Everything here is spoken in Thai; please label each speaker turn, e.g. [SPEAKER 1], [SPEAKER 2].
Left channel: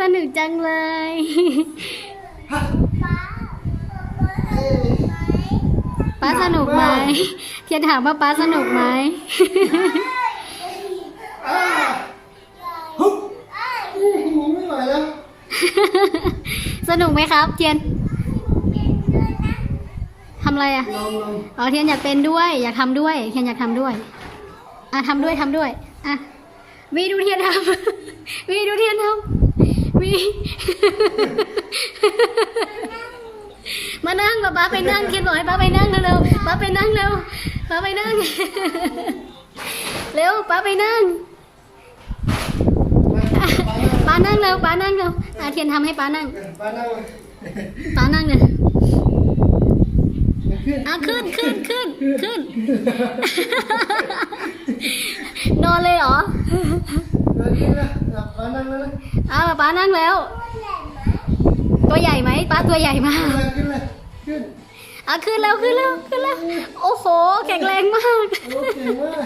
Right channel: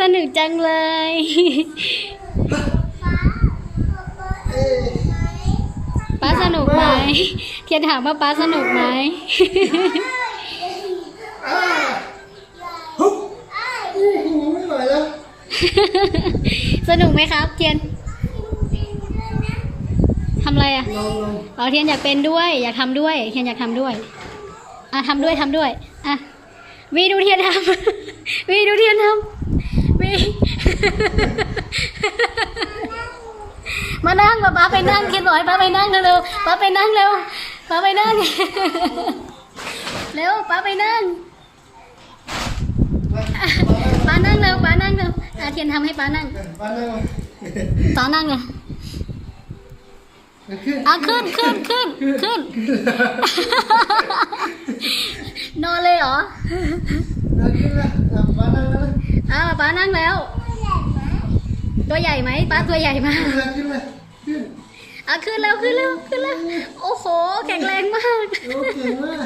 [SPEAKER 1] สนุกจังเลย ป้าสนุกไหมเทียนถามว่าป้าสนุกไหม
[SPEAKER 2] อ่าฮึบอู้หูไม่ไหวแล้ว
[SPEAKER 1] สนุกไหมครับ เทียนทำอะไรอะ
[SPEAKER 2] ลองลอง
[SPEAKER 1] อ๋อเทียนอยากเป็นด้วย อยากทำด้วย เทียนอยากทำด้วย อะทำด้วยทำด้วย อะวีดูเทียนทำ วีดูเทียนทำ วีมานั่งป้าป้าไปนั่งเทียนบอกให้ป้าไปนั่งเร็วๆป้าไปนั่งเร็วป้าไปนั่งเร็วป้าไปนั่ง
[SPEAKER 2] มา
[SPEAKER 1] อะป้านั่งเร็วป้านั่งเร็วอะเทียนทำให้ป้านั่ง
[SPEAKER 2] มานั่ง
[SPEAKER 1] ป้านั่งเลย
[SPEAKER 2] ขึ้น
[SPEAKER 1] อะขึ้นขึ้นขึ้นขึ้นนอน เอาป้านั่งแล้ว ตัวใหญ่ไหมป้าตัวใหญ่มาก
[SPEAKER 2] ขึ้นขึ้น
[SPEAKER 1] อะขึ้นแล้วขึ้นแล้วขึ้นแล้วโอ้โหแข็งแรงมาก
[SPEAKER 2] โอเคมาก